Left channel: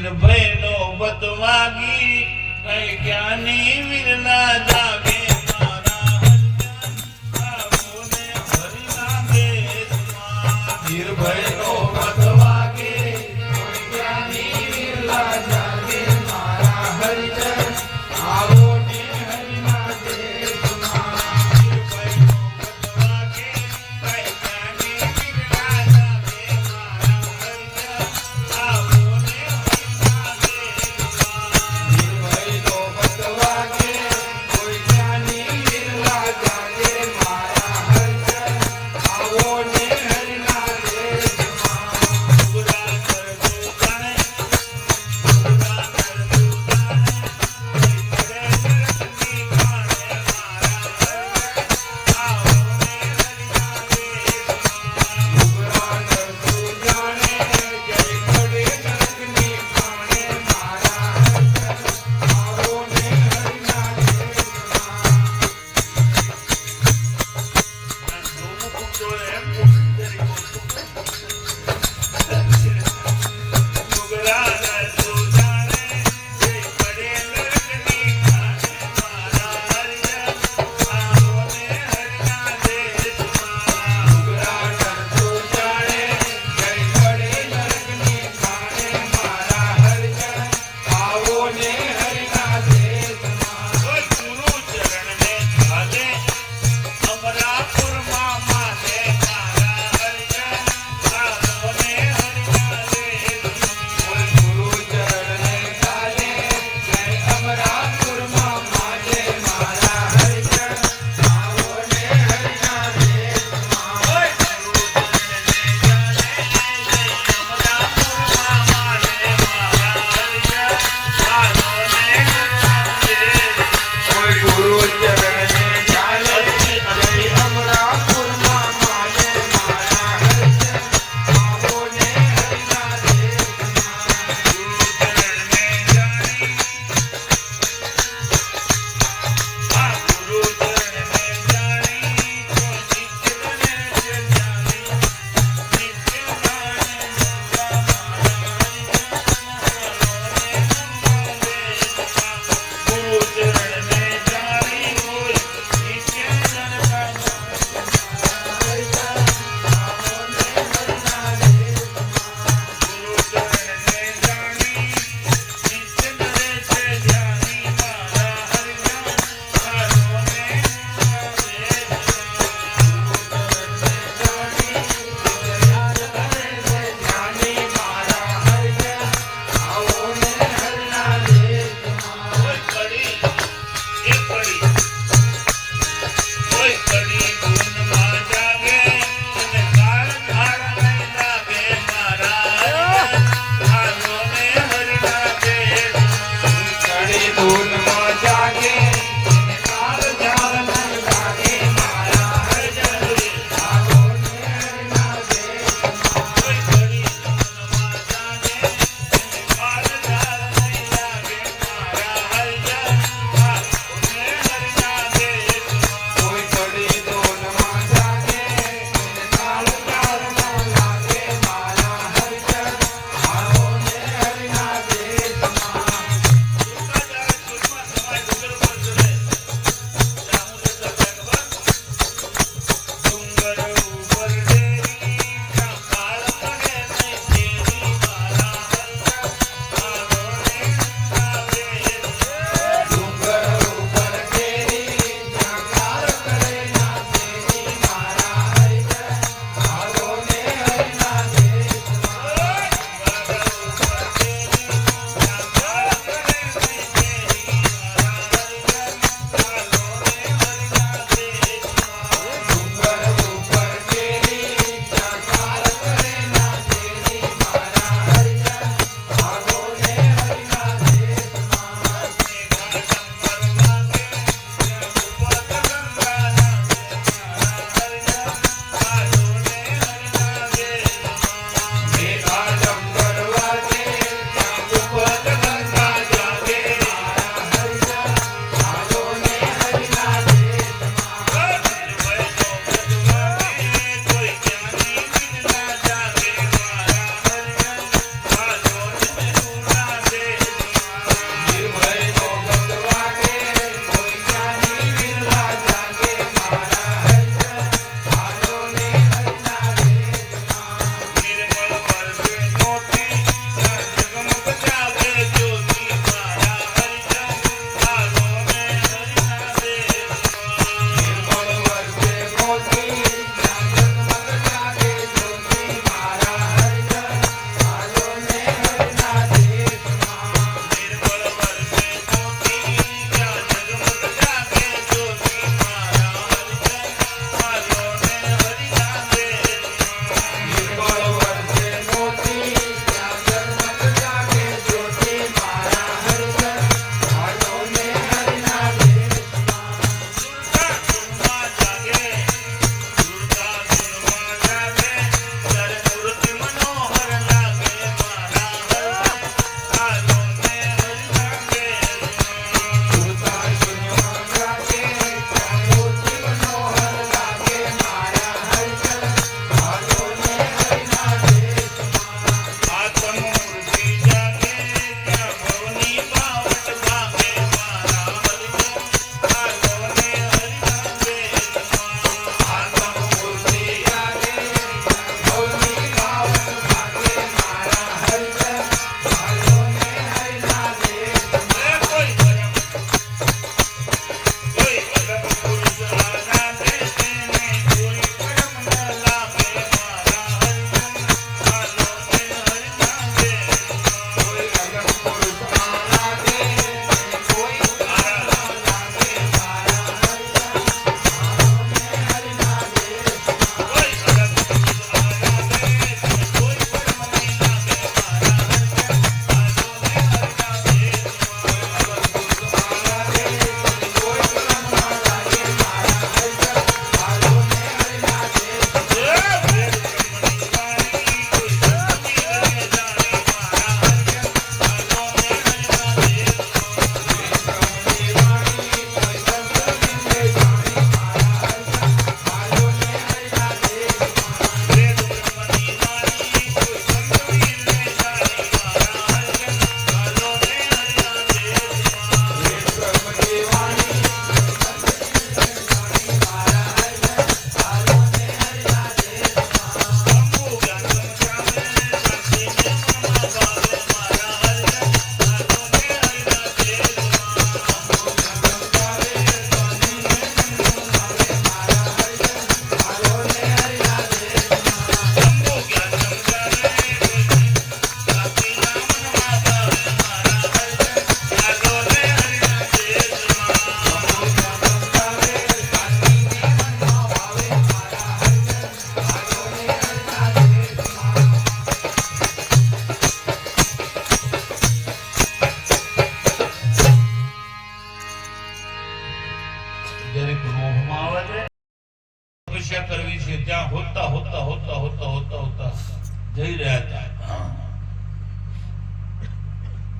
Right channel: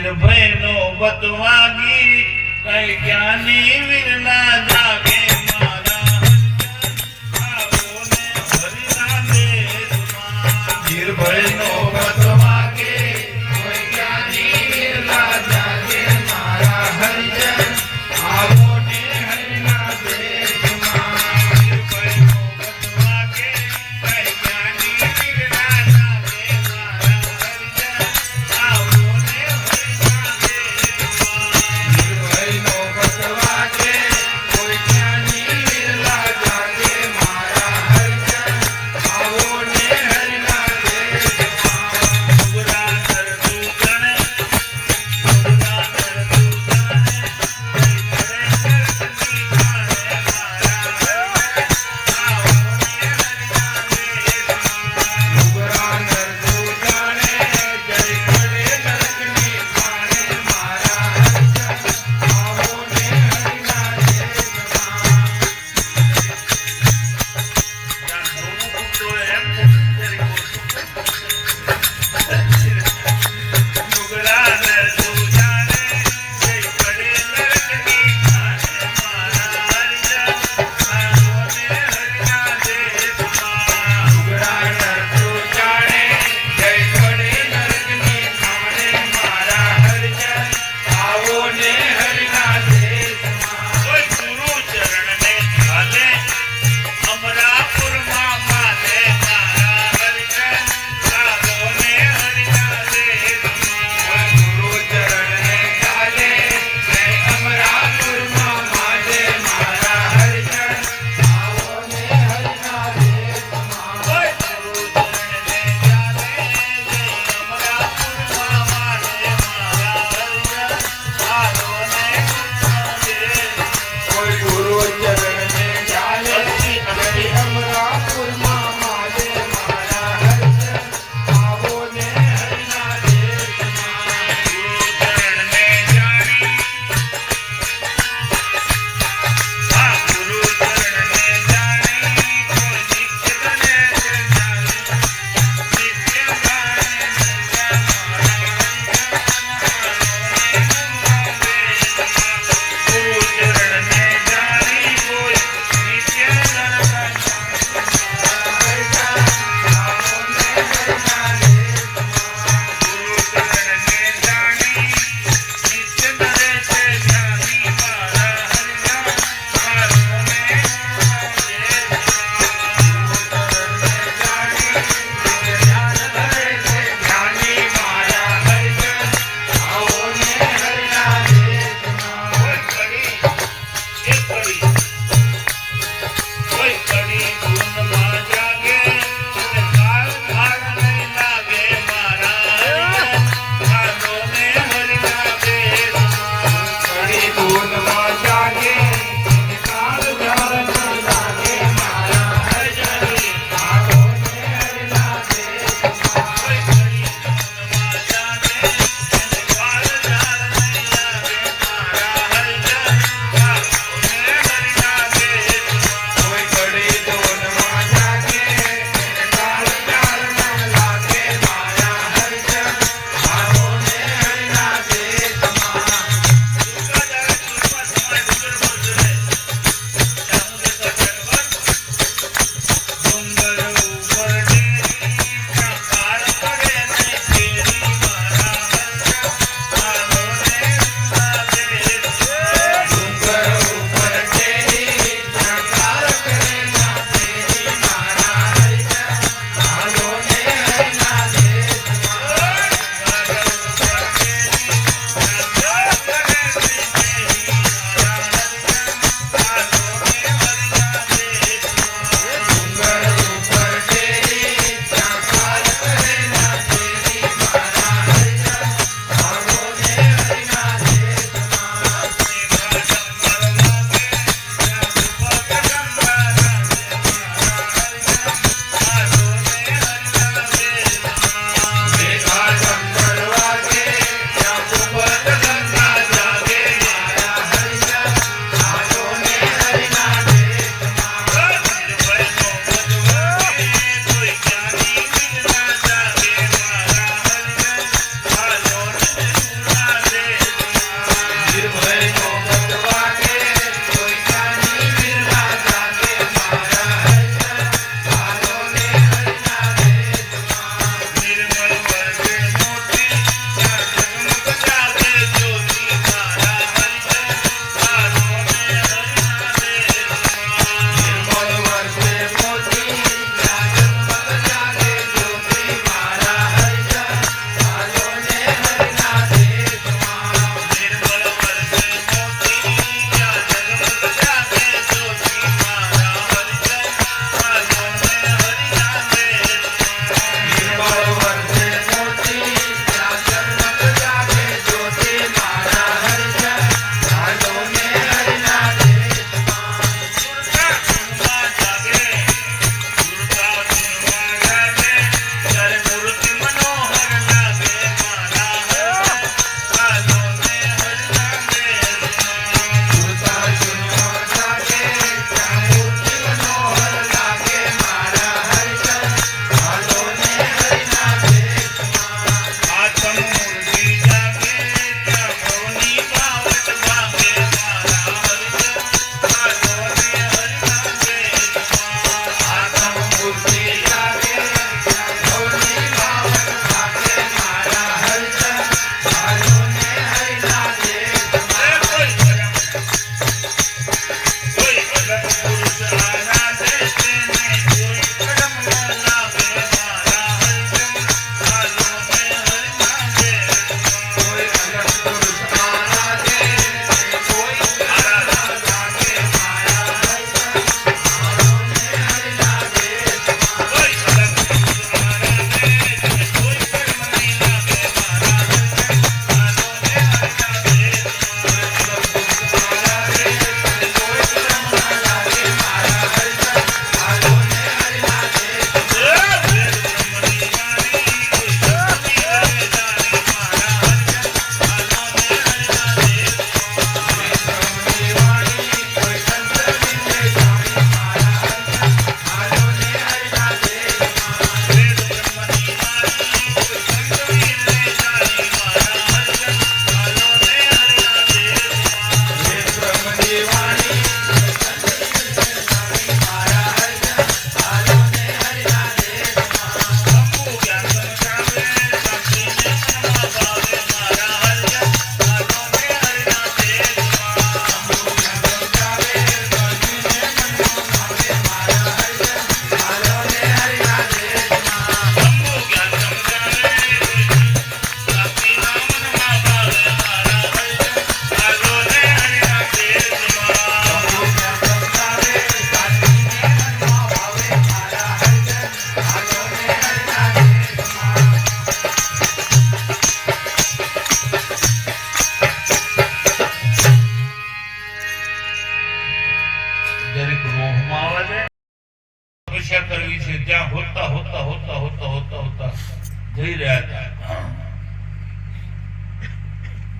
નિર્ભય નો બતવાગી કઈ જ્ઞાની વીર ના જાગે મારા હરિજન આવો ને હરિના દેશમાં નિર્ભય નો બતવાગે કોઈ જ્ઞાની વીર ના જાગે મારા હરિજન આવો ને હરિના દેશમાં નિર્ભય નો બતવાગે કઈ જ્ઞાની વીર ના જાગે મારા હરિજન આવો ને હરિના દેશમાં નિર્ભય નો બતવાગે કોઈ જ્ઞાની વીર ના જાગે મારા હરિજન આવો ને હરિના દેશમાં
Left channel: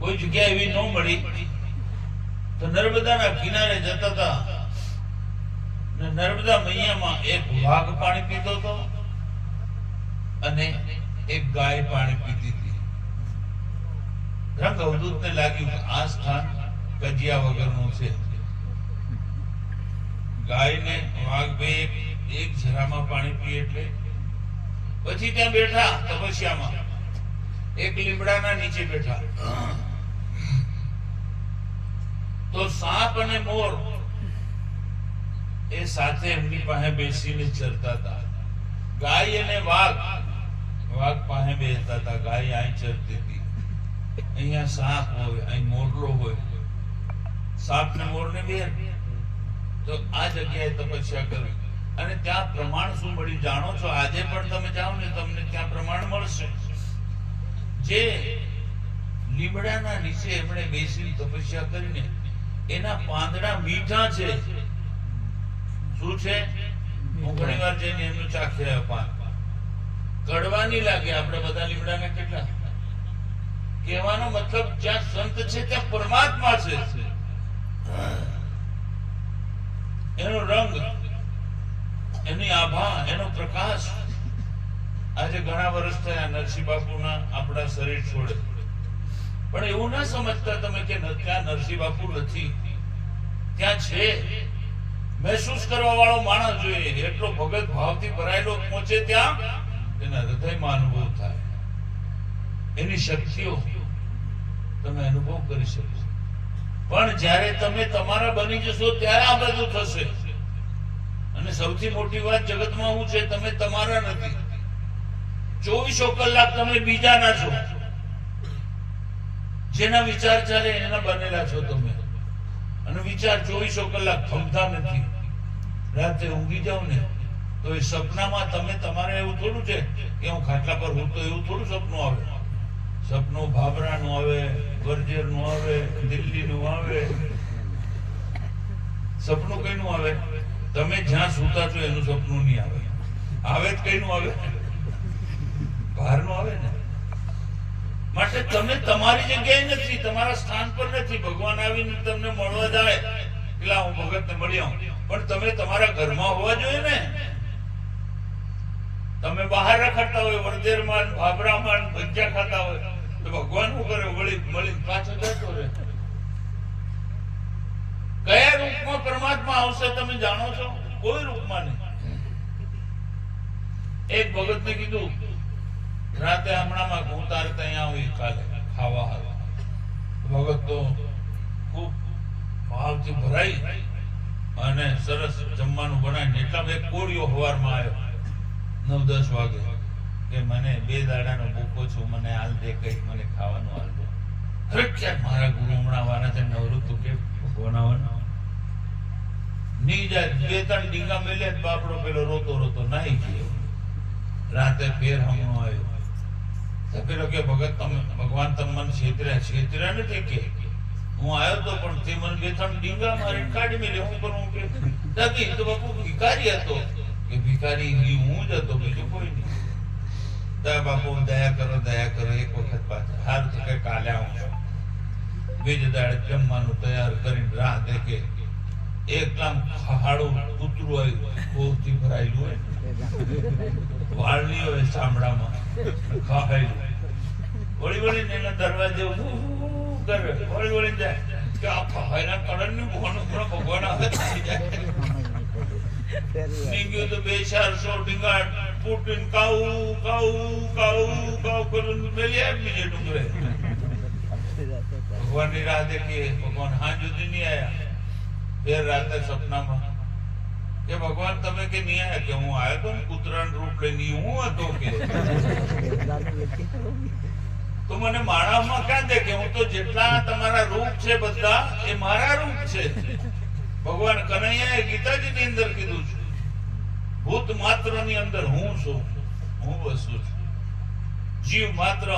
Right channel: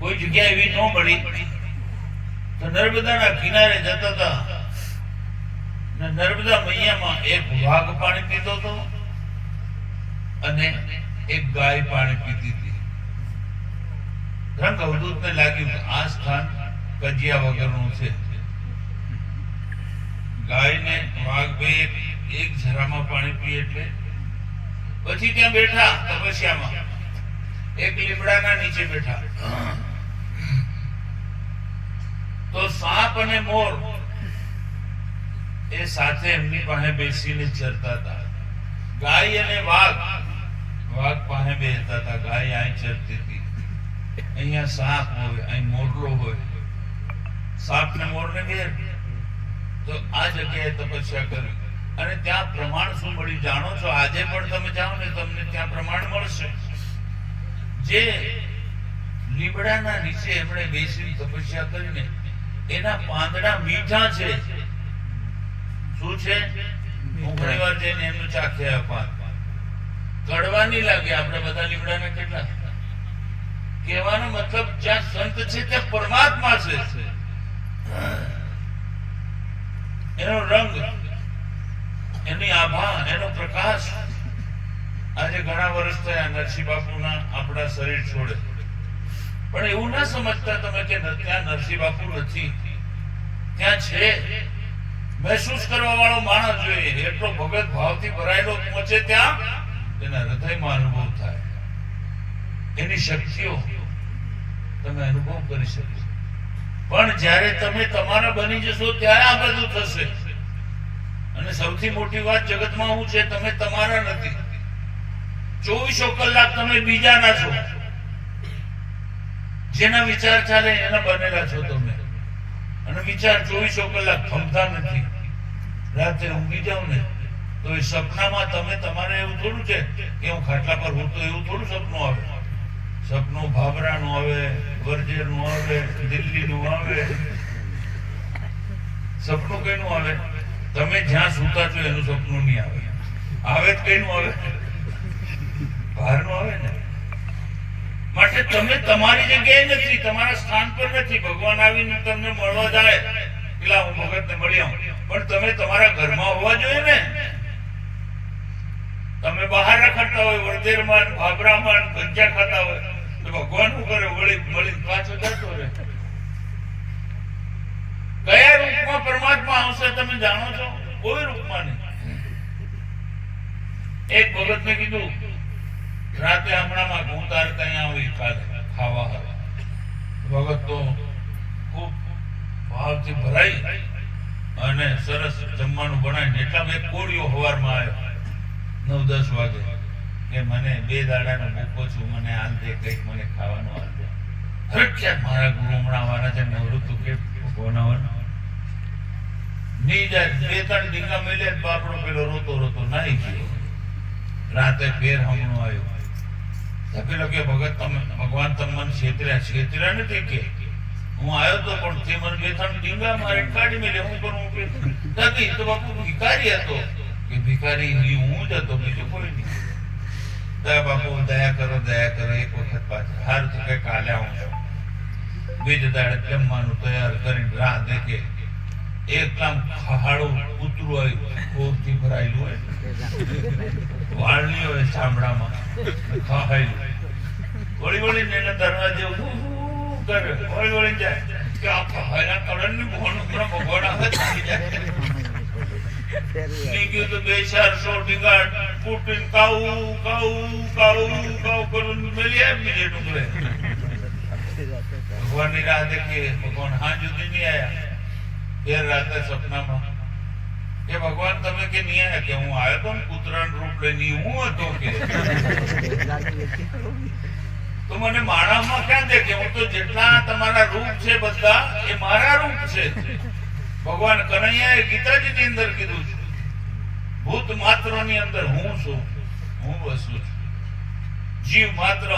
કોઈ જગ્યા એવી ન મળી તો નર્મદાના કિનારે જતા હતા ને નર્મદા મૈયામાં એક વાઘ પાણી પીતો હતો અને એક ગાય પાણી પીતી હતી. રંગ અવધૂતને લાગ્યું કે આ સ્થાન કજિયા વગરનું છે. ગાયને વાઘ બે એક જરામાં પાણી પીએ એટલે પછી ત્યાં બેઠા તપસ્યામાં એક લીમડાના નીચે બેઠા તો સાપ અને મોર એ સાથે એમની પાસે બેસીને ચરતા હતા. ગાય અને વાઘ પાસે બેસતા હતા. ગાય અહીં ચરતી હતી, અહીંયા સાપ હોય, અહીં મોરલો હોય. સાપ ને મોર ને બે તો આ જગ્યાએ તપસ્યા કરી અને ત્યાં પ્રમાણ શું મળ્યું જાણો છો? આજે પણ તમે જાઓ ને તમને ત્યાં પ્રમાણ મળશે. જે લીમડાના નીચે એમણે બેસી તપસ્યા કરીને એના પાંદડા મીઠા છે. શું છે? હું ઘણી વાર જઈને એમનું ચાખ્યા પાન કડવા નહીં લાગે. આપણે બધા લીમડાના કેટલા કહેવાનો મતલબ જ્યાં સંત છે ત્યાં પરમાત્મા છે. એનો રંગ, એની આભા, એનો પ્રકાશ. આજે ઘણા વર્ષ થયા નરસિંહ બાપુના આપણા શરીર છોડે, પણ એવું ના સમજતા તમે કે ત્યાં નરસિંહ બાપુ નથી, ત્યાં છે. મહેસૂસ કરવા વાળો માણસ જોઈએ. એટલો ભગત ભાવથી ભરાયેલો પહોંચે ત્યાં એના હૃદયમાં અનુભવ થાય. એની શક્તિઓ તમે અનુભવ કરી શકો. પણ જ્યારે તમે તમારા બની જશો ત્યારે આ બધું થશે. અને સૌથી મોટી વાત જગતમાં શું છે? તમે તમારા નથી. 24 કલાક તમે બીજાના છો. જેના વિચાર ચાલે એના બનેલા છો તમે. અને વિચાર 24 કલાક થમતા નથી. રાતે ઊંઘી જાવ ને તો એ સપનામાં તમે તમારે એવું થોડું છે કે હું ખાટલા પર હું તો એવું થોડું સપનું આવે. સપનું ભાભરાનું આવે, વરજેરનું આવે, દિલ્હીનું આવે. સપનું કઈનું આવે? તમે જ્યાં સૂતા છો એનું સપનું નહીં આવે. આવે જ કઈનું આવે? બહારનું આવે ને. માટે તમે તમારી જગ્યાએ નથી, તમારા સ્થાન પર નથી. ભગવાન આવીને તમને મળવા જાય પેલા હું ભગતને મળી આવું, પણ તમે તમારા ઘરમાં હોવા જોઈએ ને. તમે બહાર રખડતા હોય, વરજેરમાં, ભાભરામાં, ભજીયા ખાતા હોય તો ભગવાન શું કરે? વળી મળીને પાછો જતો રહે. કયા રૂપમાં પરમાત્મા આવશે તમે જાણો છો? કોઈ રૂપમાં નહીં. એક ભગતને કીધું રાતે હમણાંમાં હું તારે ત્યાં આવી કાલે ખાવા આવે. ભગત તો ખૂબ ભાવથી ભરાઈ અને સરસ જમવાનું બનાવીને એટલા એક કોળીઓ સવારમાં આવ્યો 9-10 વાગે કે મને 2 દાડાનો ભૂખો છું, મને હાલ દે, કંઈક મને ખાવાનું હાલ દે. અરે ક્યાં મારા ગુરુ હમણાં વાળા છે, નવરું તું કે ભગવાન નહીં જાય. 2-3 ડીંગા મેલે બાપડો પેલો રોતો રોતો નાહી ગયો. રાતે ફેર હમણો આવ્યો. પેલો કે ભગત તમે ભગવાન તમે મને છેતર્યા નથી કે હું આવ્યો તો પણ તે મને 2-3 ડીંગા મારે કાઢી મેલે. હું કરું કે દાદી તો બાપુ ભિખારી હતો. કે ભિખારી હું જ હતો, બીજું કોઈ નહીં. દયા બાપુ દયા કરો, દયા કરો. એક વખત પાછા હાર તો કે કાલે આવું છું. બીજે દાડે જમવાનું તૈયાર કરીને રાહ દેખે એકદમ ખાડું કૂતરું આવ્યું, કોથી ભરાયેલું હોય, વાળની હોય ચામડામાં ખાયેલું. વળી વળીને એના દરવાજે કરે, વળી વળી જાય કે આ ખાયલા કડનની ભોણું ભગવાન આવે થઈ જાય. નીકળ્યું તો 200-400 ડીંગા કૂટીને કાવું કાવું કાવું કાવું કરું મેલી આવી બીજે ડુંગરે. ભગવાનની રાહ દેખીએ. ભગવાન હાંજ સુધી નહીં આયા. ફેર રાતે સપનામાં કે ભગવાન તમે કે નહીં આયા? કે હું આવ્યો તો કૂતરાનું રૂપ લઈને. હું હતો કે તો મને માણસમાં ક્યાં દેખે? હું તો જેટલા તમારા રૂપ છે બધા એ મારા રૂપ છે. ભગવાન કનૈયાએ ગીતાજીની અંદર કીધું છે ભૂત માત્રની અંદર હું છું, હું વસું છું. જીવ માત્ર,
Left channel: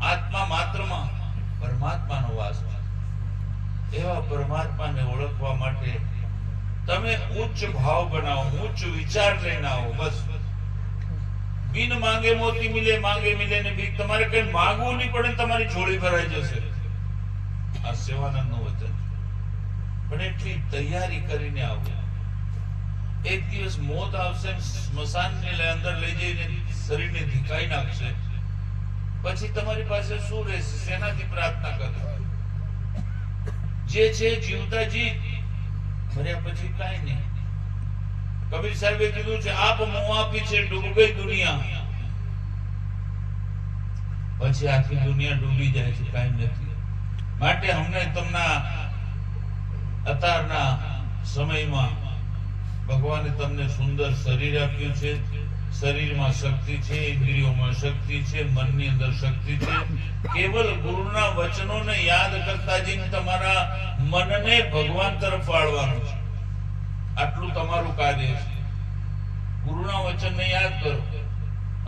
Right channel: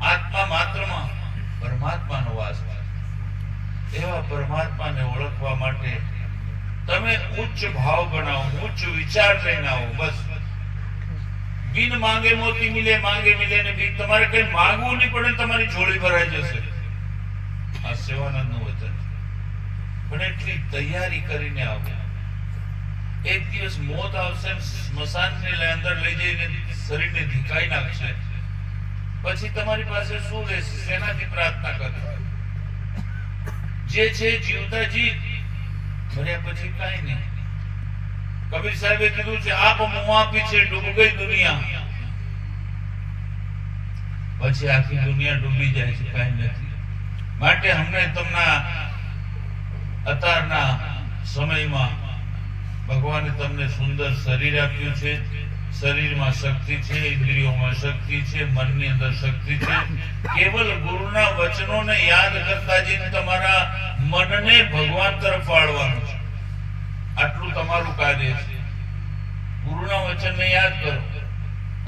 આત્મા માત્રમાં પરમાત્માનો વાસ છે. એવા પરમાત્માને ઓળખવા માટે તમે ઉચ્ચ ભાવ બનાવો, ઉચ્ચ વિચાર લઈને આવો. બસ બિન માંગે મોતી મિલે, માંગે મિલે ને ભીખ. તમારે કઈ માંગવું નહીં પડે, તમારી ઝોળી ભરાઈ જશે. આ સેવાનંદનું વચન છે. પણ એટલી તૈયારી કરીને આવો. એક દિવસ મોત આવશે, સ્મશાનની અંદર લઈ જઈને શરીરને ધીકાઈ નાખશે, પછી તમારી પાસે શું રહેશે? શેનાથી પ્રાર્થના કરે? જે છે જીવતા જી, મર્યા પછી કાંઈ નહીં. કબીર સાહેબે કીધું છે, આપ મુઆ પીછે ડૂબ ગઈ દુનિયા, પછી આખી દુનિયા ડૂબી જાય છે, કાંઈ નથી. માટે અમને તમને અત્યારના સમયમાં ભગવાને તમને સુંદર શરીર આપ્યું છે. શરીરમાં શક્તિ છે, ઇન્દ્રિયોમાં શક્તિ છે, મનની અંદર શક્તિ છે. કેવલ ગુરુના વચનોને યાદ કરતા જઈને તમારા મનને ભગવાન તરફ વાળવાનું છે. આટલું તમારું કાર્ય છે. ગુરુના વચનને યાદ કરો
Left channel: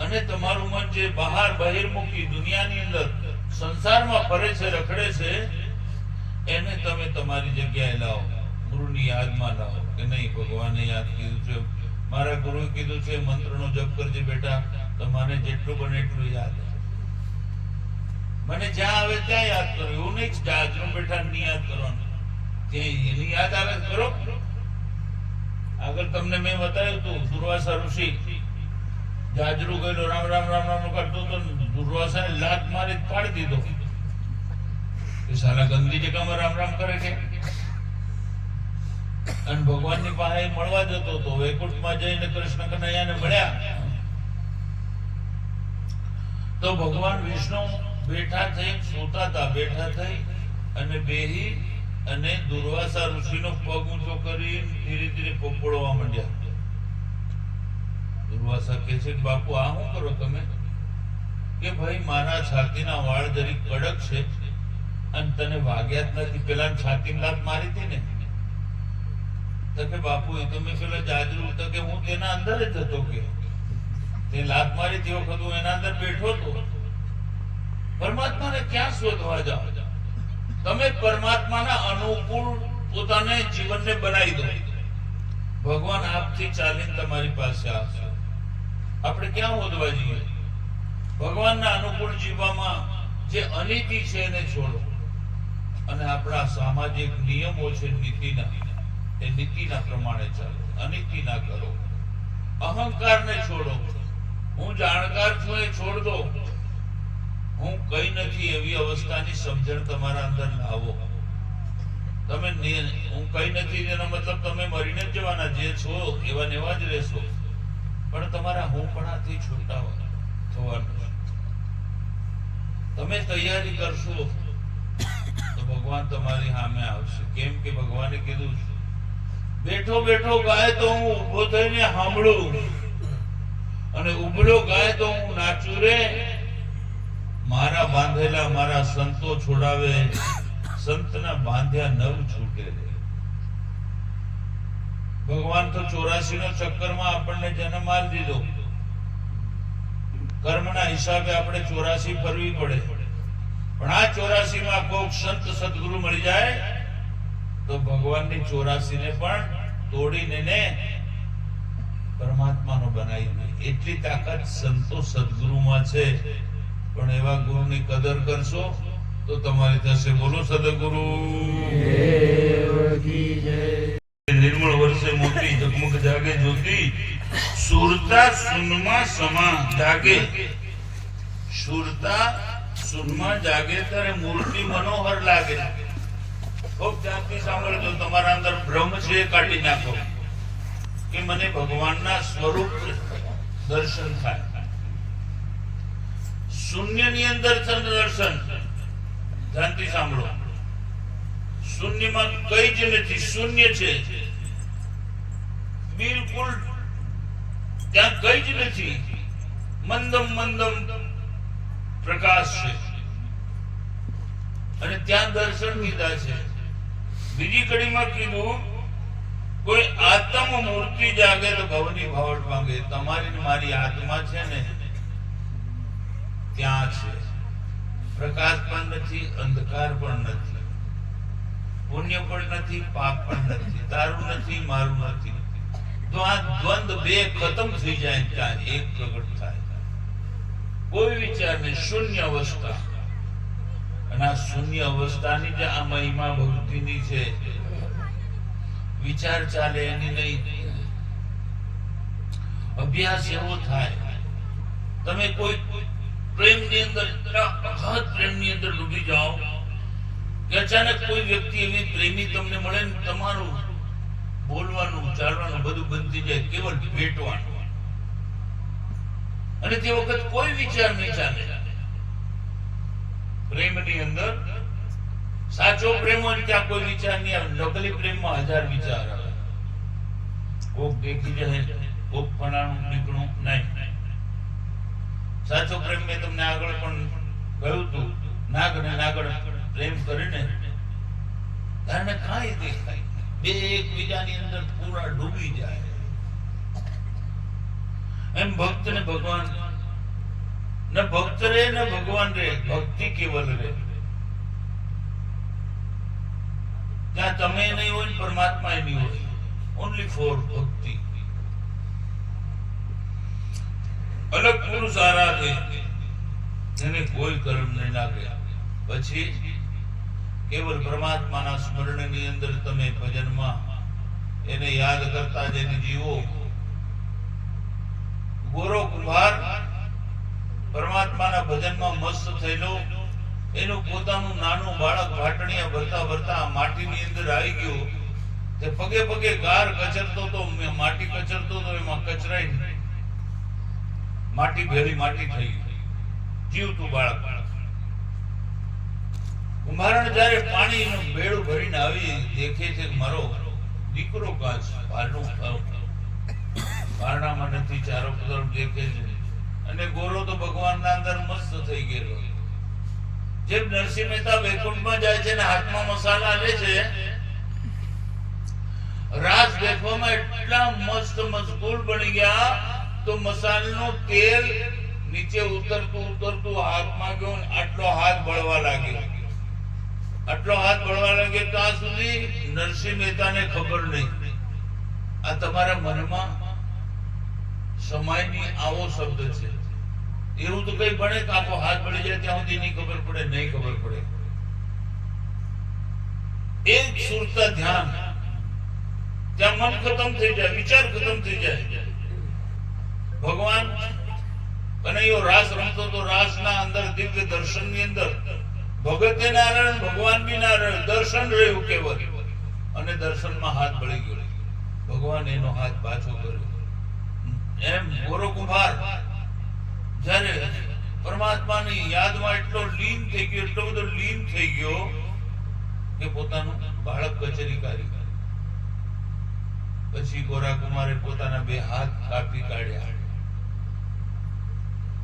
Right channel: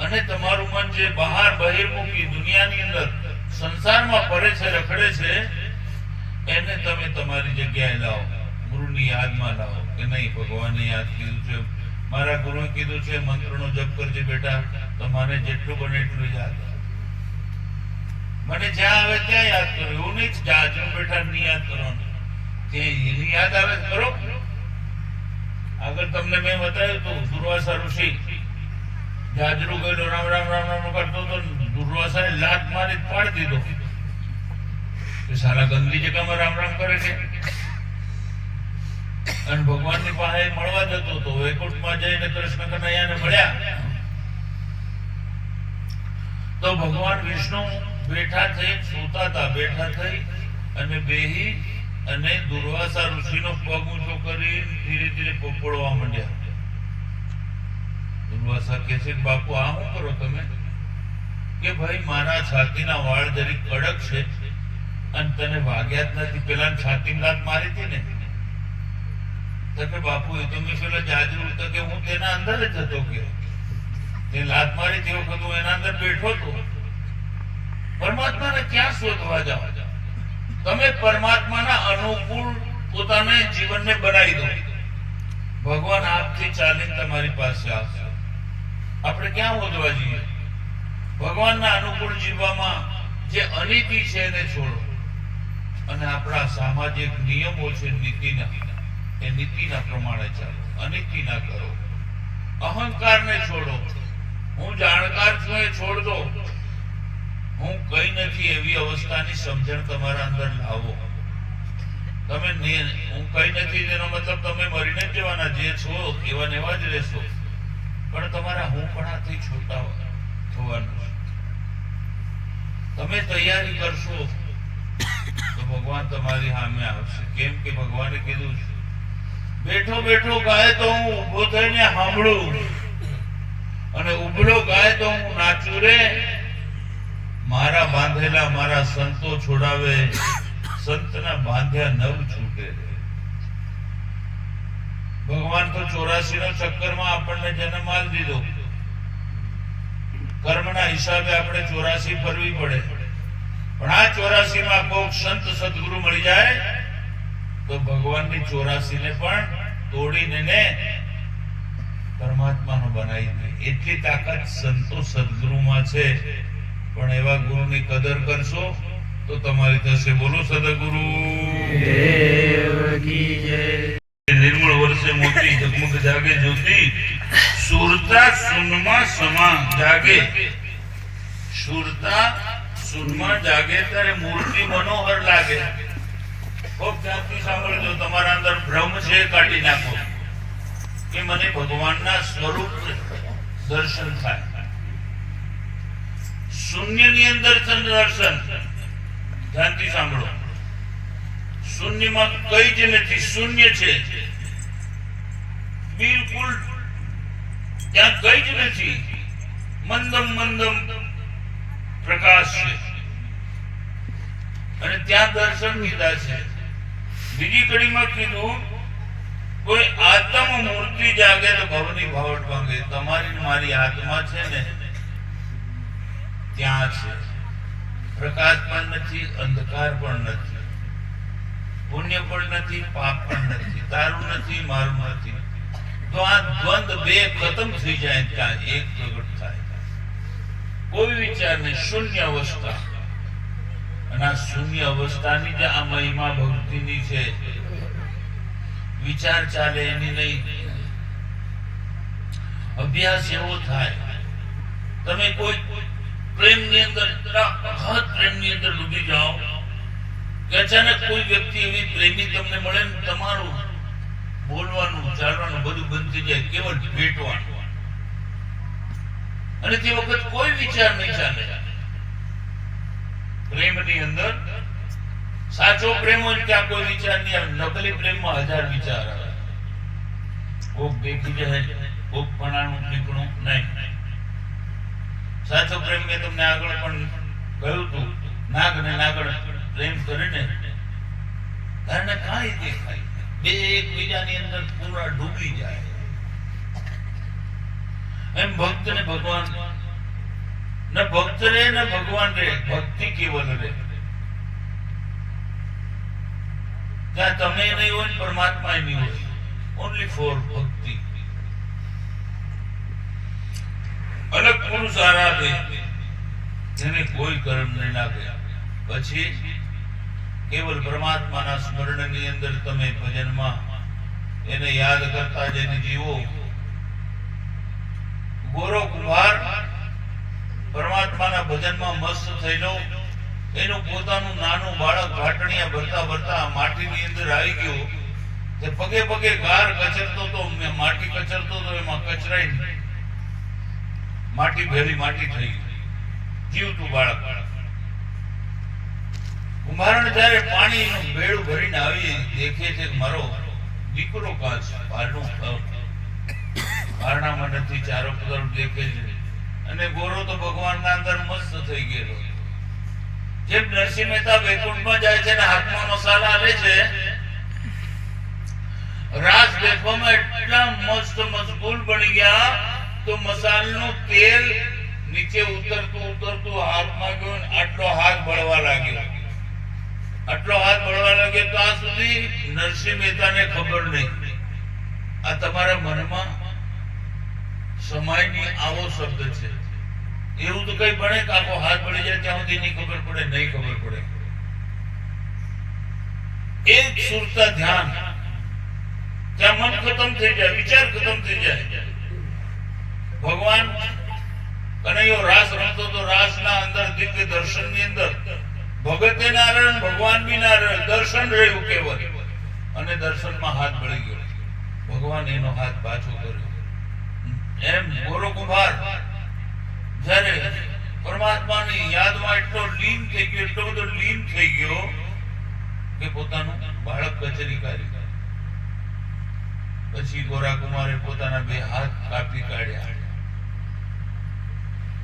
અને તમારું મન જે બહાર બહિર્મુખી દુનિયાની અંદર સંસારમાં ફરે છે, રખડે છે, એને તમે તમારી જગ્યાએ લાવો, ગુરુની યાદમાં લાવો કે નહીં ભગવાને યાદ કીધું છે, મારા ગુરુએ કીધું છે મંત્રનો જપ કરજે બેટા, તો મને જેટલું બને એટલું યાદ. મને જ્યાં આવે ત્યાં યાદ કરો, એવું નહીં જાજરૂ બેઠા નહીં યાદ કરવાનું. જે એની યાદ આવે કરો. આગળ તમને મેં બતાવ્યું હતું, દુર્વાસા ઋષિ જાજરૂ ગયેલો રામ રામ રામ રામ કરતો તો દુર્વાસાએ લાત મારી પાડી દીધો. સાલા ગંદી જગ્યામાં રામ રામ કરે છે. અને ભગવાનની પાસે મળવા જતો હતો, વૈકુંઠમાં જઈને કૃષ્ણ કનૈયાને મળ્યા તો ભગવાન વિષ્ણુ બેઠા થઈ સૂતા હતા, બેઠા થઈ અને બેહી અને દુર્વાસા ઋષિનો પગ ઊંચો કરી ધીરે ધીરે પોપડવા માંડ્યા. દુર્વાસા કહે છે, બાપુ આ શું કરો તમે? કે ભાઈ મારા છાતીના વાળ જરીક કડક છે અને તને વાગ્યા જ નથી, પેલા છાતીમાં લાત મારી હતી ને. તો કે બાપુ એ તો મેં પેલા જાજરૂ તો કે હું તેના અંદર જ હતો, કે તે લાત મારી તે વખત હું એના અંદર બેઠો હતો. પરમાત્માને ક્યાં શોધવા જાઓ? તમે પરમાત્માના અનુકૂળ પોતાને જીવનને બનાવી દો. ભગવાન આપથી ચાલીને તમારી પાસે આવશે. આપણે ક્યાં શોધવા જઈએ? ભગવાનના અનુકૂળ જીવવામાં જે અનીતિ છે એને છોડો અને આપણા સામાજિક નિયમો છે નીતિના, એ નીતિના પ્રમાણે ચાલો, અનીતિ ના કરો. અહંકારને છોડો. હું જાણકાર છું એ છોડ દો. હું કઈ નથી એવી અવસ્થાની સમજણ તમારા અંદર લાવો. તમે હું કઈ નથી એનો મતલબ તમે મરીને જ જવાના, જે છો એવા ને એવા જ રહેશો, પણ તમારા હુંપણાથી છૂટા થવાનું. તમે તૈયારી કરશો તો ભગવાન તમારી સામે આવશે. કેમ કે ભગવાને કીધું છે, બેઠો બેઠો ગાય તો હું ઉભો થઈને સાંભળું, અને ઉભળો ગાય તો હું નાચું રે. મારા બાંધેલા મારા સંતો છોડાવે, સંતના બાંધ્યા નવ છૂટે રે. ભગવાન તો 84 નો ચક્કરમાં આપણને જન્મ આપી દીધો. કર્મના હિસાબે આપણે 84 ફરવી પડે, પણ આ 84 માં કોઈક સંત સદગુરુ મળી જાય તો ભગવાનની 84 ને પણ તોડીને ને પરમાત્માનો બનાવી દે. એટલી તાકાત સંતો સદગુરુમાં છે. પણ એવા ગુરુની કદર કરશો તો તમારી થશે. બોલો સદગુરુ દેવ કી જય. નિર્મળ વર્ષે મોતી જગમગ જાગે જ્યોતિ, સુરતા સુનમાં સમા જાગે. સુરતા સુનમાં જાગે ત્યારે મૂર્તિ મનોહર લાગે. ખૂબ ધ્યાનથી સાંભળજો. તમારા અંદર ભ્રમ છે એ કાઢી નાખો કે મને ભગવાનના સ્વરૂપ દર્શન થાય. શૂન્યની અંદર દર્શન. ધ્યાનથી સાંભળો. શૂન્યમાં કઈ જ નથી, શૂન્ય છે બિલકુલ. ત્યાં કઈ જ નથી. મંદમ મંદમ પ્રકાશ છે અને ત્યાં દર્શન કીધા છે. બીજી કડીમાં કીધું, કોઈ આત્મ મૂર્તિ જાગે તો ભવની ભાવટ માંગે. તમારી ને મારી આત્મા છે ને ત્યાં છે. પ્રકાશ પણ નથી, અંધકાર પણ નથી, પુણ્ય પણ નથી, પાપ પણ નથી, તારું નથી, મારું નથી. તો આ દ્વંદ બે ખતમ થઈ જાય, ત્યાં એક પ્રગટ થાય. કોઈ વિચાર નહીં, શૂન્ય અવસ્થા. અને અને આ શૂન્ય અવસ્થાની જે આ મહિમા ભક્તિની છે, વિચાર ચાલે એની નહીં, અભ્યાસ એવો થાય તમે કોઈ પ્રેમની અંદર અગાધ પ્રેમની અંદર ડૂબી જાઓ કે અચાનક કોઈ વ્યક્તિ એવી પ્રેમી તમને મળે ને તમારું બોલવાનું ચાલવાનું બધું બંધ થઈ જાય, કેવળ ભેટવાનું, અને તે વખત કોઈ વિચાર નહીં ચાલે. પ્રેમની અંદર સાચો પ્રેમ હોય ત્યાં કોઈ વિચાર નહીં આવે. નકલી પ્રેમમાં 1000 વિચાર આવે. કોક દેખી જાય, કોક પણાનું નીકળું નહીં. સાચો પ્રેમ મેં તમને આગળ પણ કહ્યું હતું, નાગ ને નાગણ પ્રેમ કરીને કારણ કાંઈ દેખાય, બે એકબીજાની અંદર પૂરા ડૂબી જાય. એમ ભક્ત ને ભગવાન, ન ભક્ત રે ન ભગવાન રે, ભક્તિ કેવલ રે. ત્યાં તમે નહીં હોય, પરમાત્મા નહીં હોય, ઓનલી ફોર ભક્તિ. અલગ પુરુષ આરાધે, જેને કોઈ કર્મ નહીં લાગે, પછી કેવલ પરમાત્માના સ્મરણની અંદર તમે ભજનમાં એને યાદ કરતા જઈને જીવો. ગોરો કુંભાર પરમાત્માના ભજનમાં મસ્ત થયેલો, એનું પોતાનું નાનું બાળક ઘાટણીયા ભરતા ભરતા માટીની અંદર આવી ગયો. તે પગે પગે ગાર કચરતો તો, માટી કચરતો તો એમાં કચરાઈ માટી ભેળી માટી થઈ ગઈ, જીવતું બાળક. કુંભારણ જયારે પાણીનું બેડું ભરીને આવી દેખે છે મારો દીકરો કાચ બહારનું બારણામાં નથી, ચારો તરફ દેખે છે, અને ગોરો તો ભગવાનના અંદર મસ્ત થઈ ગયેલો. જેમ નરસિંહ મહેતા વૈકુંઠમાં જાય છે ને હાથમાં મસાલા લે છે, રાસ દેખવામાં એટલા મસ્ત મશગુલ બની ગયા તો મસાલાનું તેલ નીચે ઉતરતું ઉતરતું હાથમાં ગયું, આટલો હાથ બળવા લાગ્યો. આટલો હાથ બળવા લાગ્યો તો આ સુધી નરસિંહ મહેતાને ખબર નહીં. આ તમારા મનમાં સમાયની આવો શબ્દ છે. એવું તો કઈ બને કે આખો હાથ બળી જાય ત્યાં સુધી નહીં ખબર પડે, નહીં ખબર પડે. એક સુરતા ધ્યાન, ત્યાં મન ખતમ થઈ જાય, વિચાર ખતમ થઈ જાય. ભગવાન કનૈયો રાસ રમતો તો રાસના અંદર દિવ્ય દર્શનની અંદર ભગતે ના રહે, ભગવાન બી ના રહે, દર્શન રહ્યું કેવળ. અને દર્શનમાં હાથ બળી ગયો, ભગવાન એનો હાથ પાછો કર્યો. એમ ગોરો કુંભાર જ્યારે પરમાત્માની યાદમાં એટલો લીન થઈ ગયો, એટલો બધો લીન થઈ ગયો કે પોતાનું બાળક કચેરી કાઢી. પછી ગોરા કુમારે પોતાના 2 હાથ કાપી કાઢ્યા,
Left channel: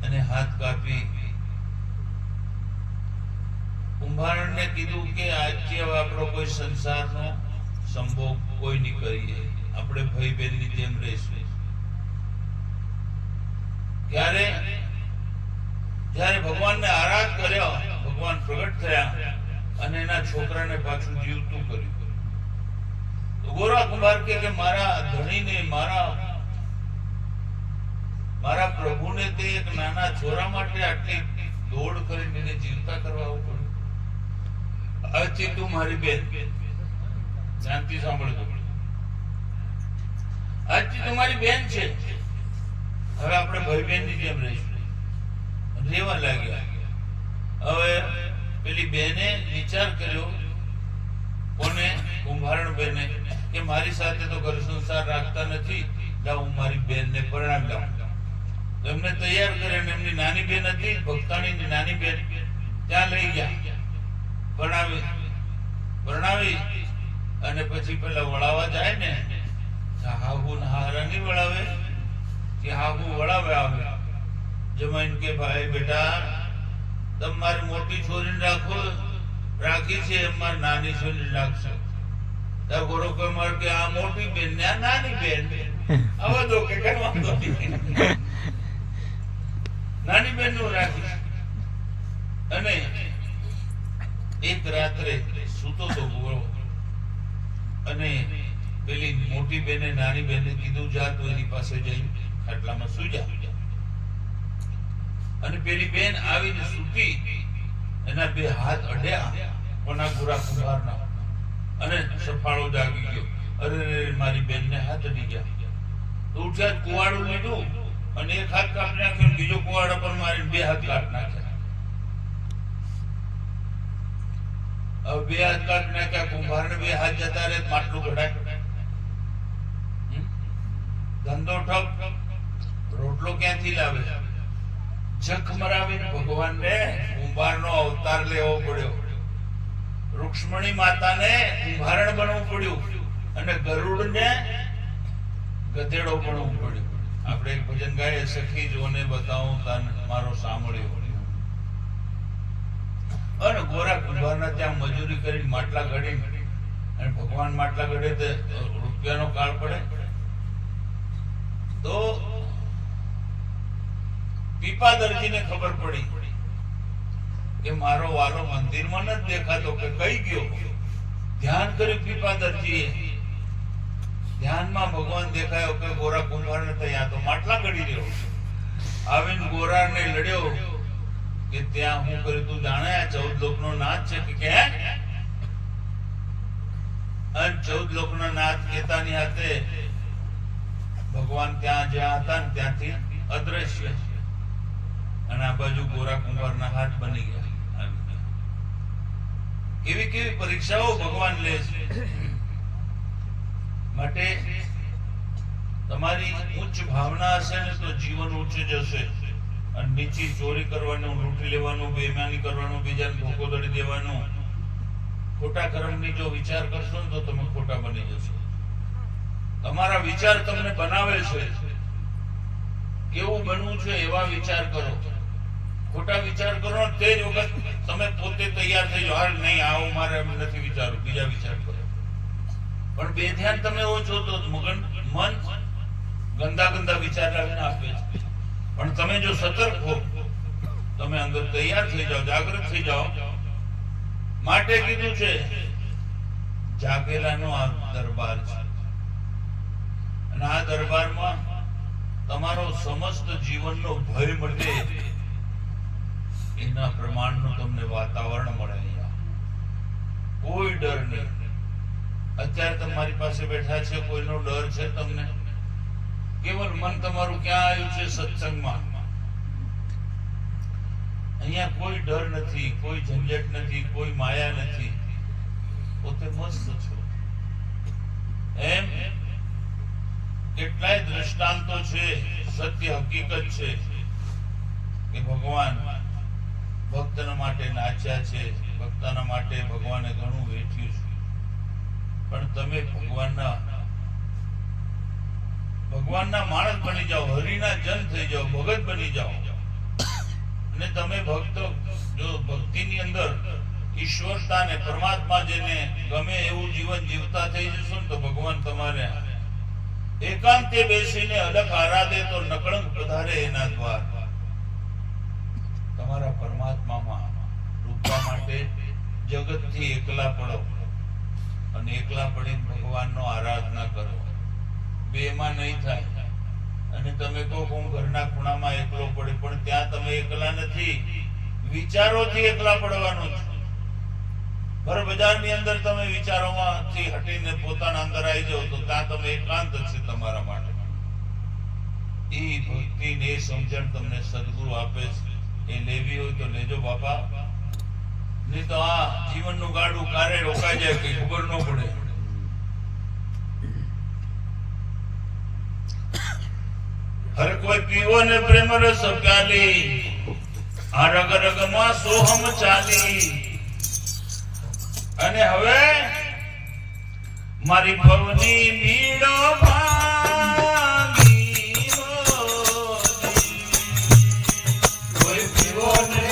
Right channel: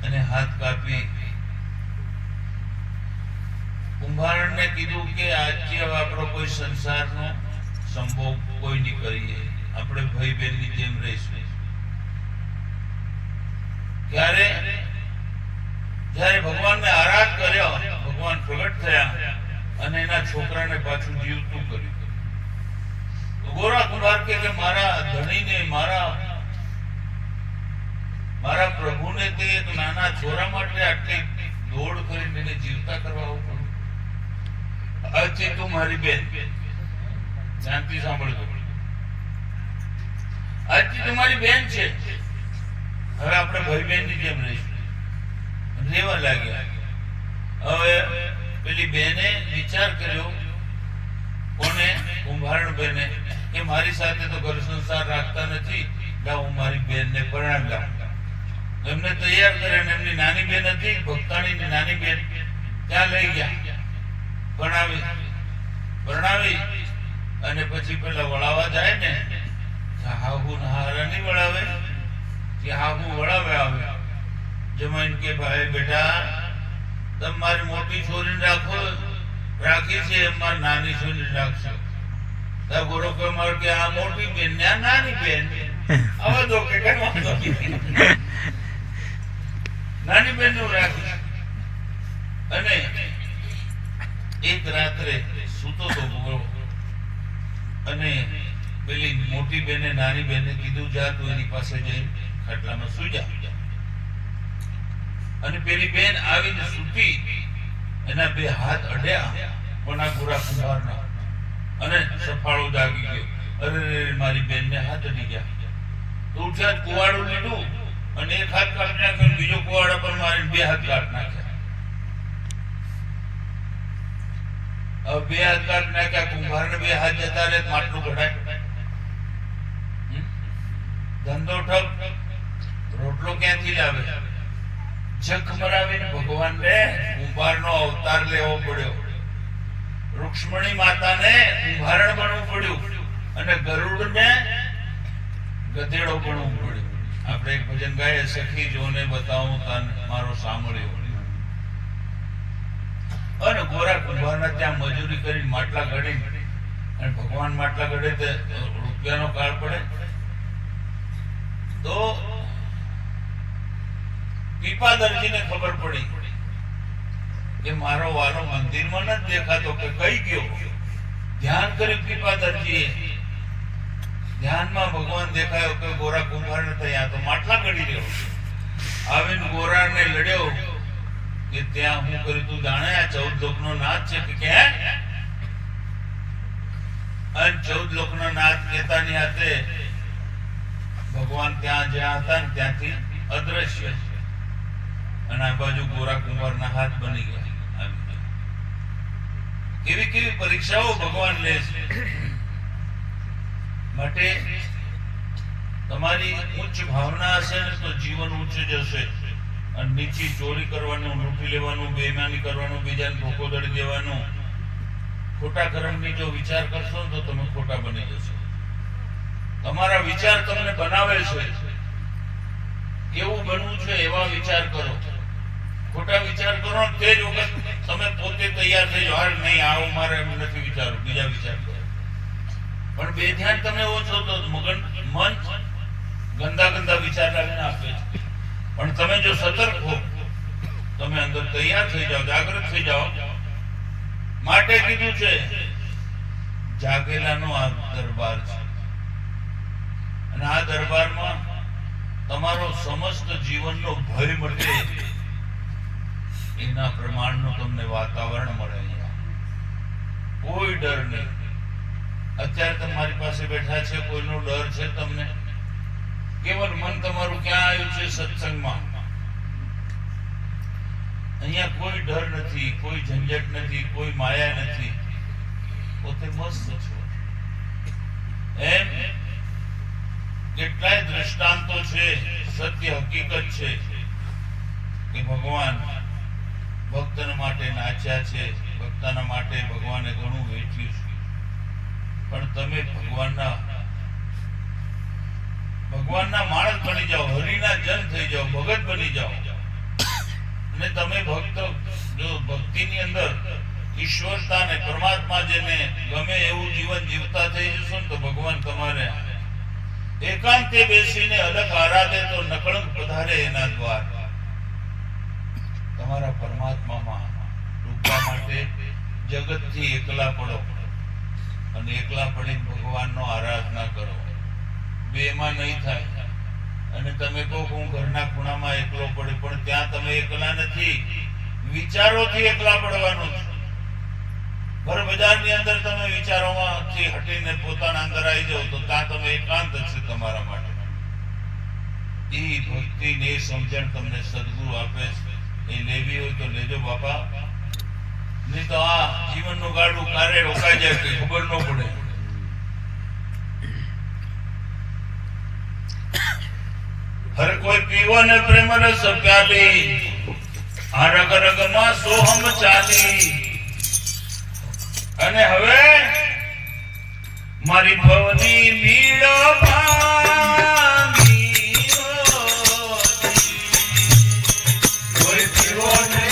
અને હાથ કાપી કુંભારને કીધું કે આજથી હવે આપણો કોઈ સંસારનો સંભોગ કોઈ નહીં કરીએ, આપણે ભાઈ બહેનની જેમ રહીશું. જ્યારે ભગવાનને આરાધ કર્યો, ભગવાન પ્રગટ થયા અને એના છોકરાને પાછું જીવતું કર્યું. ગોરા કુંભાર કે મારા ધણીને, મારા પ્રભુને તે એક નાના છોરા માટે આટલી દોડ કરીને એને જીવતા કરવા આવું પડ્યું. આજથી તું મારી બેન, ધ્યાનથી સાંભળજો, આજથી તું મારી બેન છે, હવે આપણે ભાઈ બહેનની જેમ રહીશું. રેવા લાગ્યા. હવે પેલી બેને વિચાર કર્યો, કોને? કુંભારણ બેને, કે મારી સાથે તો ઘર સંસાર રાખતા નથી, લાવ હું મારી બેનને પરણાવી લાવું. એમને તૈયાર કરે, એમની નાની બેન હતી, ભક્તાણીની નાની બેન, ત્યાં લઈ ગયા, પરણાવી. અને પછી પેલા વળાવા જાય ને, હાહુ હારા નહીં વળાવે, કે હાહુ વળાવે આવે. જમાઈન કે ભાઈ બેટા, તમે મારી મોટી છોરીને રાખી છે, એમાં નાની છોરી રાખશો. ગોરો કુમાર કે આ મોટી બેન ને આ નાની બેન, હવે તો કે કઈ વાંધો નહીં, નાની બેન નું રાખી. અને એક રાત્રે સૂતો તો ગોરો, અને પેલી મોટી બેને નાની બેને કીધું, જા તું એની પાસે જઈ ખાટલામાં સુઈ જા. અને પેલી બેન આવીને સૂતી, એના બે હાથ અડ્યા કોના ગોરા કુંભારના, અને સફાળો જાગી ગયો. અરે મારી બેનને હાથ અડી ગયા. તો ઉઠ્યા, કુવાડું લીધું અને એક હાથ કાપી નાખ્યો, બીજો કુવાડા પર મારીને બે હાથ કાપી નાખ્યા. હવે બે હાથ કાપી નાખ્યા, કુંભારને બે હાથ જતા રહે, માટલું કઢાય. ધંધો ઠપ, રોટલો ક્યાંથી લાવે? જખ મરાવીને ભગવાન ને કુંભારનો અવતાર લેવો પડ્યો. રૂક્ષ્મણી માતાને કુંભારણ બનવું પડ્યું અને ગરુડને ગધેડો બનવું પડ્યું. આપણે એક ભજન ગાઈએ, સખી જોને બતાવું તન મારો સાંભળ્યો. અને ગોરા કુંભારના ત્યાં મજૂરી કરી માટલા ઘડી, અને ભગવાન માટલા ઘડે તે રૂપિયાનો કાળ પડે. તો પીપાદરજીને ખબર પડી કે મારો વાલો મંદિરમાં નથી દેખાતો, કે કઈ ગયો. ધ્યાન કર્યું પીપાદરજીએ, ધ્યાનમાં ભગવાન દેખાયો કે ગોરા કુંભારને ત્યાં તો માટલા ઘડી રહ્યો. આવીને ગોરાને લડ્યો કે ત્યાં હું કર્યું તું જાણે? આ 14 લોકનો નાથ છે કે અને 14 લોકનો નાથ કહેતાની હાથે ભગવાન ત્યાં જ્યાં હતા ને ત્યાંથી અદ્રશ્ય, અને આ બાજુ ગોરા કુંભારના હાથ બની ગયા. કેવી કેવી પરીક્ષાઓ ભગવાન લે છે. માટે તમારી ઉચ્ચ ભાવના હશે ને તો જીવન ઉચ્ચ જશે, અને નીચી ચોરી કરવાનું, લૂંટી લેવાનું, બેઈમાની કરવાનું, બીજાને ધોકો દડી દેવાનું, ખોટા કર્મની જો વિચાર કરશો તો તમે ખોટા બની જશો. તમારા વિચાર તમને બનાવે છે. કેવું બનવું છે એવા વિચાર કરો. ખોટા વિચાર કરો તે જ વખત તમે પોતે તૈયાર થઈ જાઓ, નહીં આવું મારે એમ નથી વિચારું, બીજા વિચાર કરો. પણ બે ધ્યાન તમે ઓછો તો મન ગંદા ગંદા વિચાર લાવીને આપે છે. પણ તમે જો સતર્ક હો, તમે અંદર તૈયાર થઈ જાઓ, જાગૃત થઈ જાઓ. માટે કીધું છે જાગેલાનો આ દરબાર છે, અને આ દરબારમાં તમારો સમસ્ત જીવનનો ભય મળે એના પ્રમાણનું તમને વાતાવરણ મળે. કોઈ ડર નહીં. અત્યારે તમારી પાસે બેઠા છે, કોઈનો ડર છે તમને? કેવળ મન તમારું ક્યાં આવ્યું છે? સત્સંગમાં. અહીંયા કોઈ ડર નથી, કોઈ ઝંઝટ નથી, કોઈ માયા નથી. પોતે મસ્ત છો. એમ કેટલાય દ્રષ્ટાંતો છે, સત્ય હકીકત છે કે ભગવાન ભક્તના માટે નાચ્યા છે, ભક્તના માટે ભગવાને ઘણું વેચ્યું છે. પણ તમે ભગવાનના માણસ બની જાઓ, હરિના જન થઈ જાઓ, ભગત બની જાઓ. અને તમે ભક્ત જો ભક્તિની અંદર ઈશ્વરતા ને પરમાત્મા જેને ગમે એવું જીવન જીવતા થઈ જશો ને તો ભગવાન તમારે એકાંતે બેસીને અલગ આરાધે તો નકળંક પધારે એના દ્વાર. તમારા પરમાત્મામાં ડૂબવા માટે જગતથી એકલા પડો, અને એકલા પડીને ભગવાનનો આરાધના કરો. બેમાં નહીં થાય. અને તમે કહો હું ઘરના ખૂણામાં એકલો પડે, પણ ત્યાં તમે એકલા નથી, વિચારોથી એકલા પડવાનું છે. ભર બજારની અંદર તમે વિચારોમાંથી હટીને પોતાના અંદર આવી જાઓ તો ત્યાં તમે એકાંત છે તમારા માટે. એ ભક્તિ ને સમજણ તમને સદગુરુ આપે છે. એ લેવી હોય તો લેજો બાપા, નહીં તો આ જીવનનું ગાડું કારે રોકાઈ જાય કઈ ખબર ન પડે. હર કોઈ પીવો ને પ્રેમ રસ પ્યાલી, આ રગ રગમાં સોહમ ચાલી. અને હવે મારી ભવની મીડો કોઈ પીવો ને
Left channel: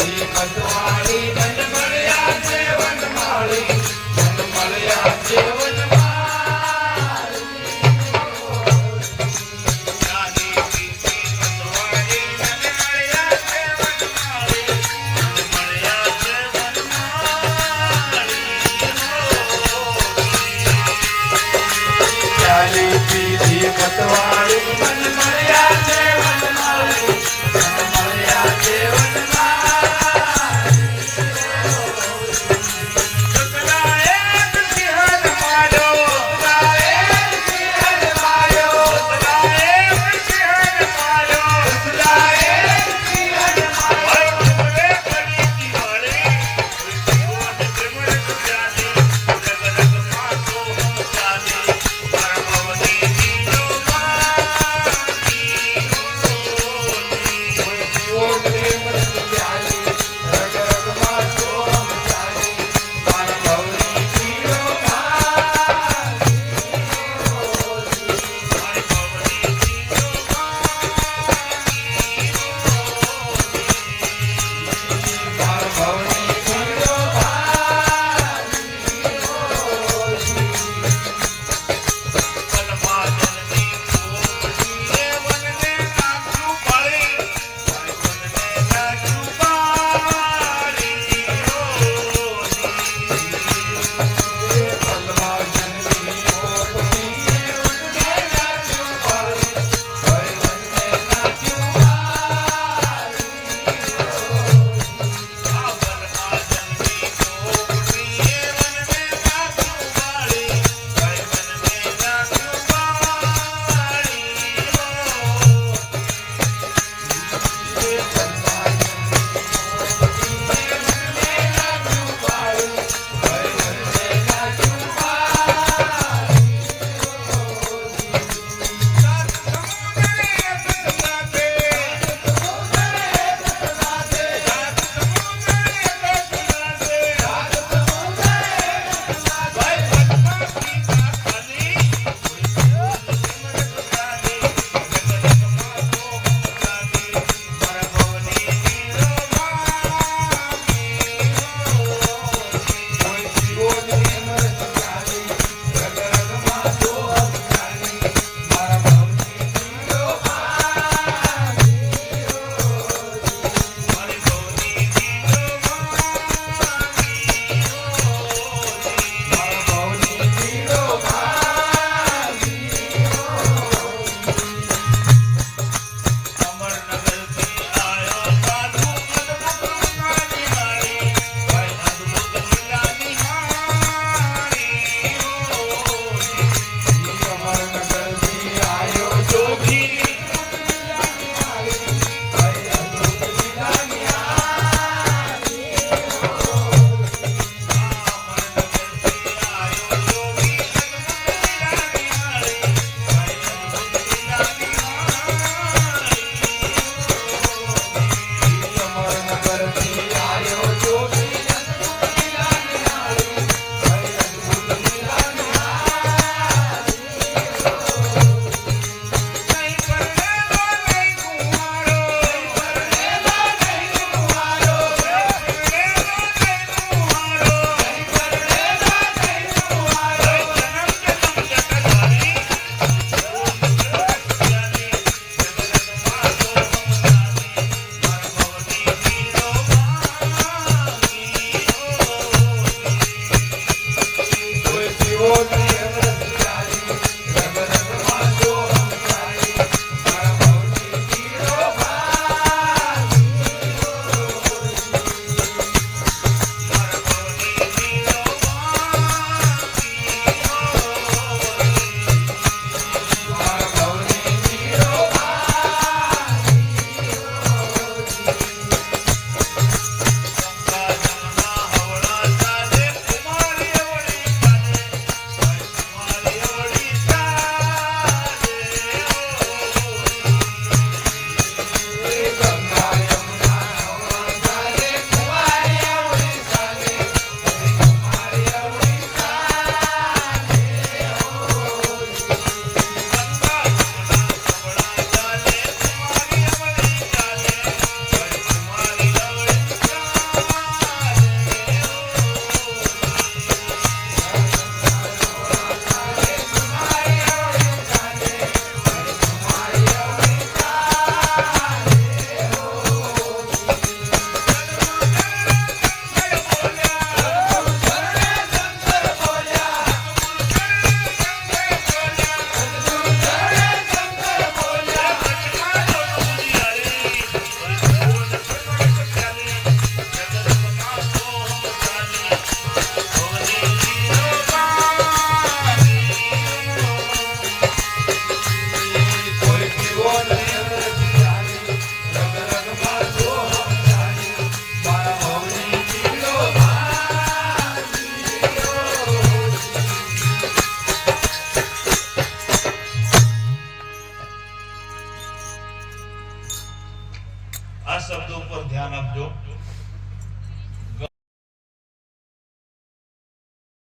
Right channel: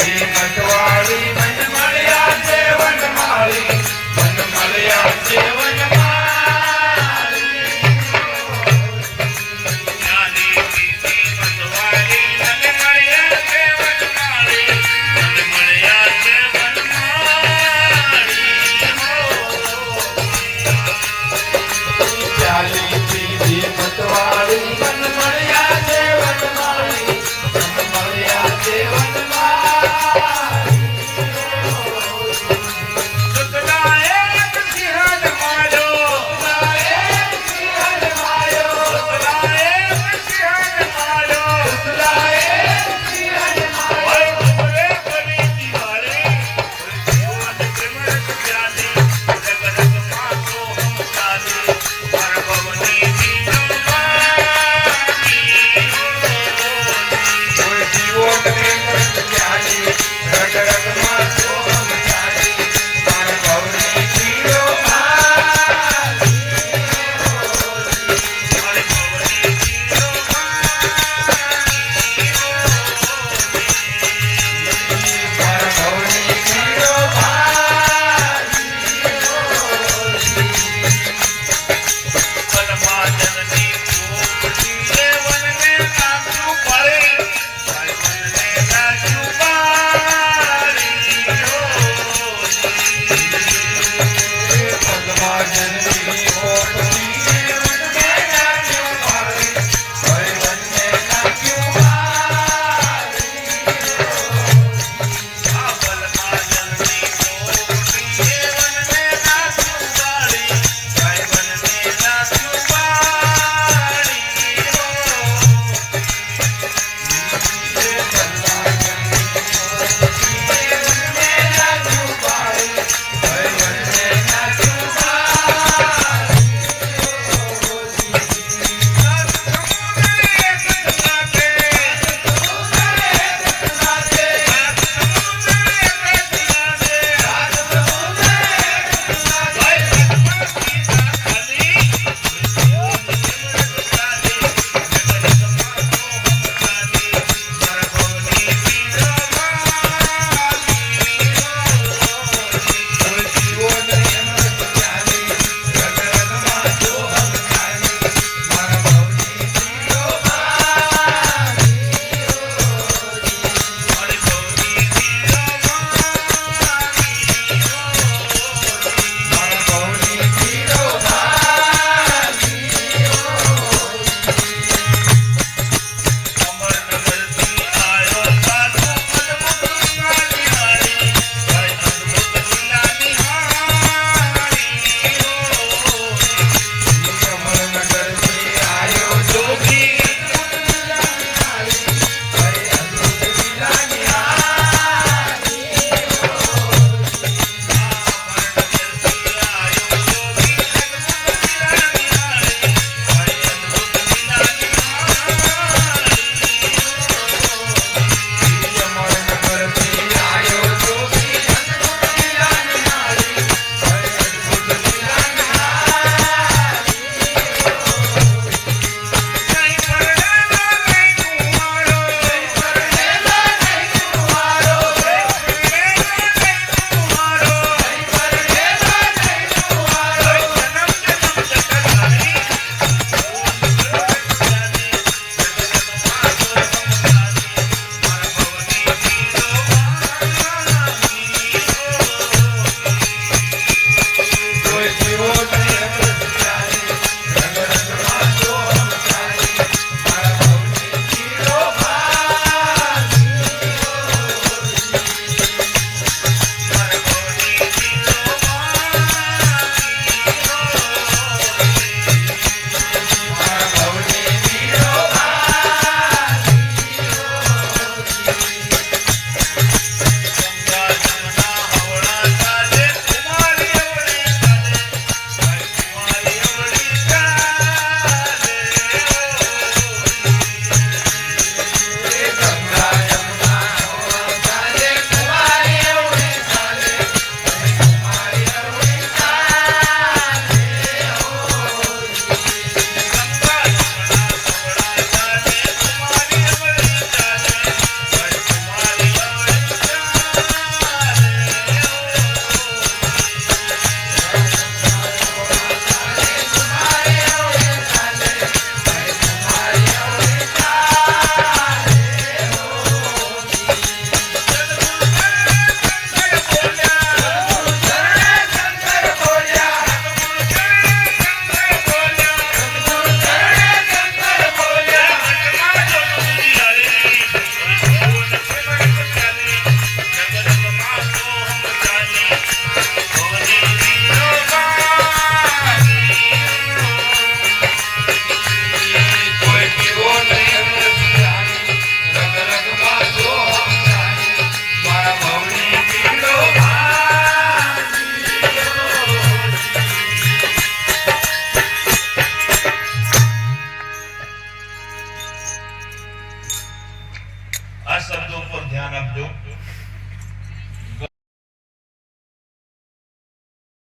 હિંમતવાળી